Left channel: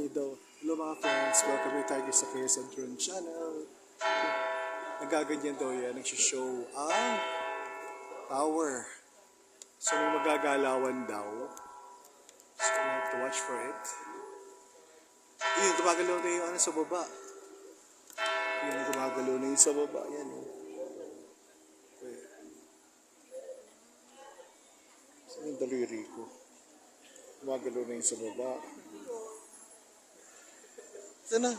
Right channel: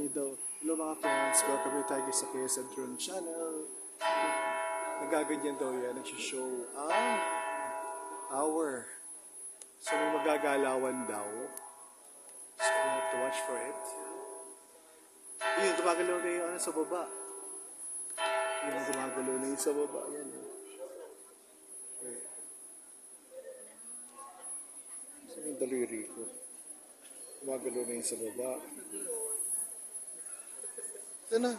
Hello mga friends, welcome to Tiger sa KS Drone Channel. Nagaganyan daw yan, nagsishow ang tower. So may magagalawan daw. So we have to watch for it. Yun, gumagalaw na yung sa baba. Yun, gumagalaw na yung sa baba. Yan. Wait. Saan yung daliri ko? Gumagalaw na yung sa baba. Saan na?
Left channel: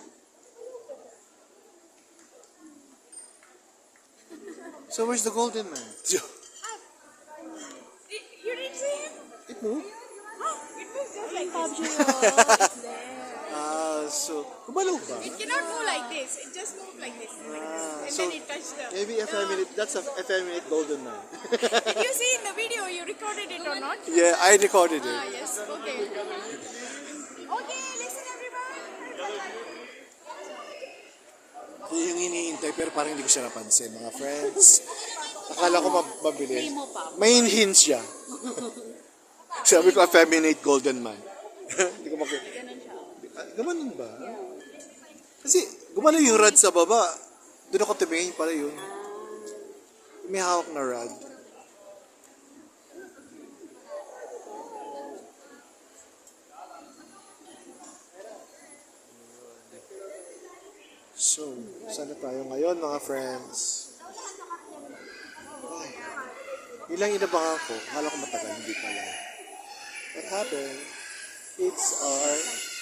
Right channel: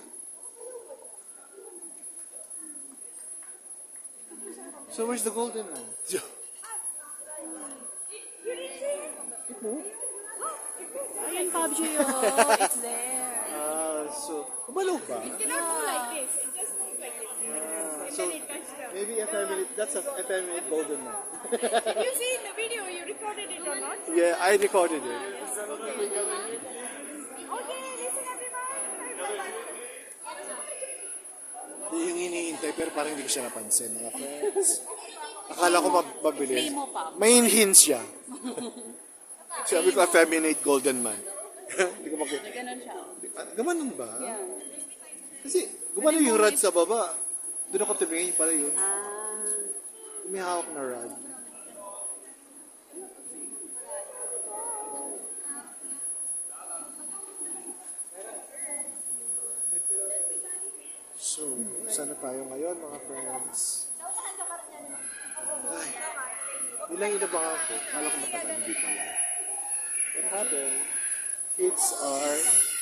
So where's the golden man? You didn't see him? It moved? It's there. So, kumalaw ba? It cannot move like this. It just moved like this. And So, then it touched the... maybe effeminate, that's an effeminate golden man. Did you see in the video? You recorded it or not? Yeah, I recorded it. Yes. Okay. Okay, listen everyone. Yung iniintay pero parang hindi ko siya napansin, mga friends. Akala ko mabili. May hints siya. Sabi ko, effeminate golden man. Hindi ko makita. Gumanon ba? Kasi gumanon yung rod sa baba. Doon ako tumingin pala yun. May hawak na rod. So, saan na tayo ngayon mga friends? Ay, ilang inabangan ko. Akala ko matagal, hindi pala. What happened? It's our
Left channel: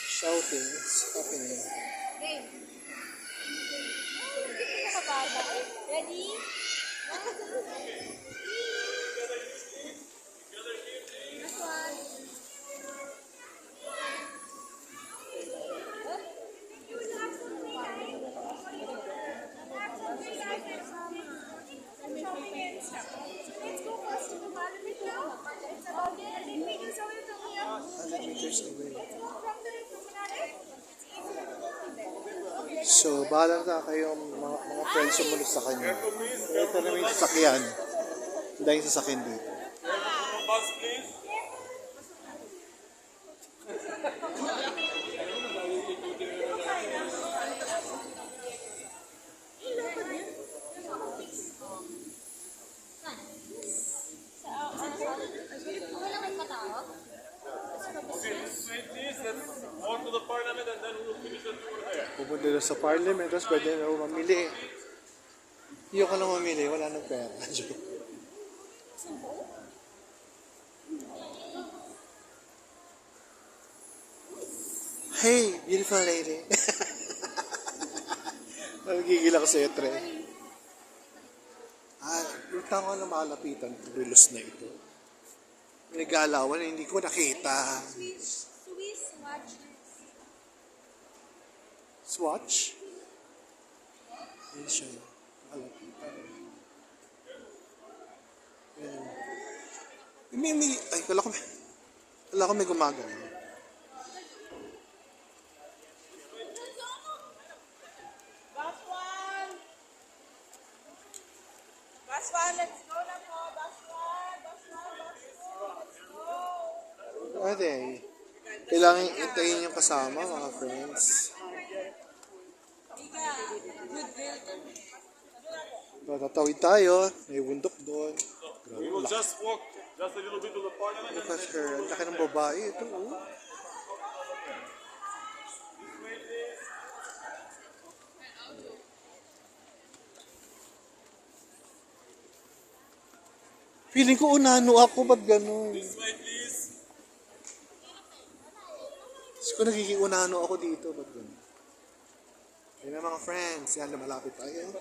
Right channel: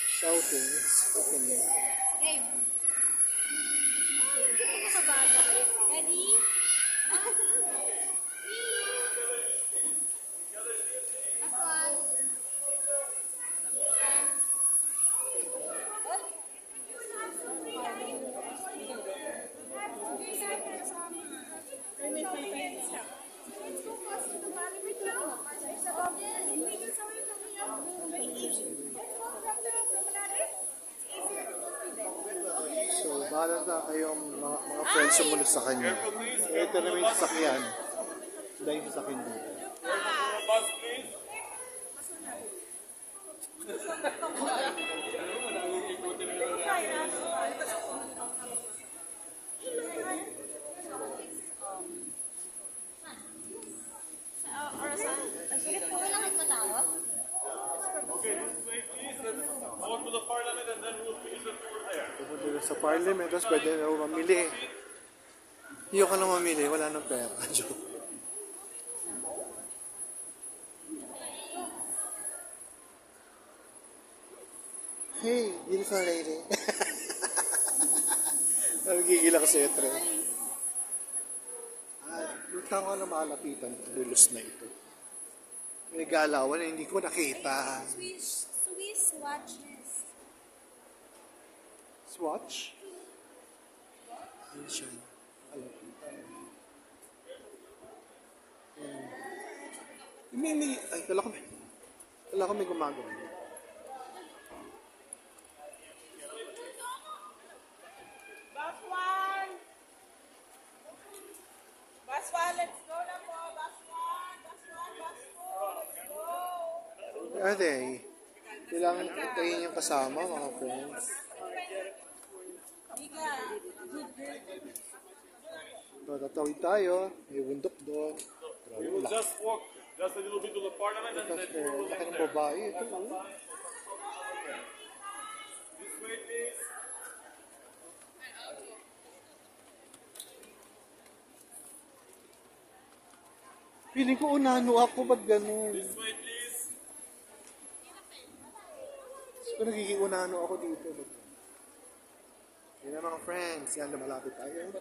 shouting. It's happening. Ready? Let's go first to the parliament now. It's about 10 meters away from here. Very easy. Let's go from the promenade. It's easier to go from there. Okay. So, bahala na kayong mga friends sumunod sa kanya. Ito naman yung sasakyan. Dahil yung sasakyan dito. Bus, please. Okay, this way, please. Let's go to the parliament and then we'll finish the tour there. Pupunta na sa parliament, tapos pwede na ako mamili. Hindi ako lang mamili, wala nang pera. Joke. Hey, beautiful lady. Nagigil ako sa etre. Ay, buta ko na malapitan ng relos na ito. May nagalawan na hindi ko nakita. Swiss watch this. Swatch? Yan siya. Malapitan. Yan. Ay, wala ko may gumagano. Bus one, let's go na po. Bus one, let's go. Are they? Kailangan itayin yung kasama, mga friends. Tatawid tayo. May bundok doon. Grabe, We will laki. just walk just a little bit to the parliament and Look at then her. Ang laki ng babae. Ito, oh. Feeling ko unano ako, ba't ganun? this way, please. Tapos ko nagiging unano ako dito, ba't ganun? Yun na mga friends, yan, lumalapit tayo. Yan.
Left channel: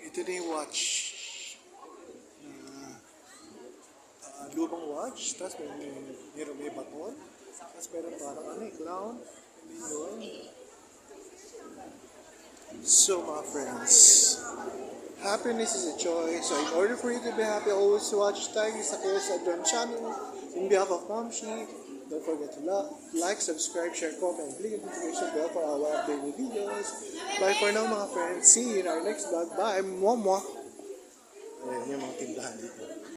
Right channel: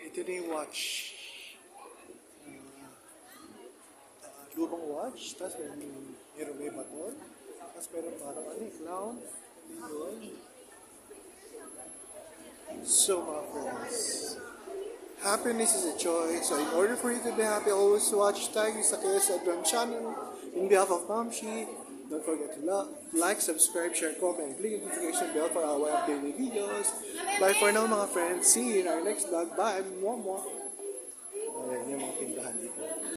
Ito na yung watch. Lumang watch, tapos may baton, tapos meron parang clown, hindi yun. So mga friends, happiness is a choice. So in order for you to be happy, always watch tayo sa KS Drone Channel. In behalf of Mamshi, don't forget to like, subscribe, share, comment, and click the notification bell for our updated videos. Bye for now mga friends. See you in our next vlog. Bye. Mwah mwah. Ayan yung mga tindahan dito.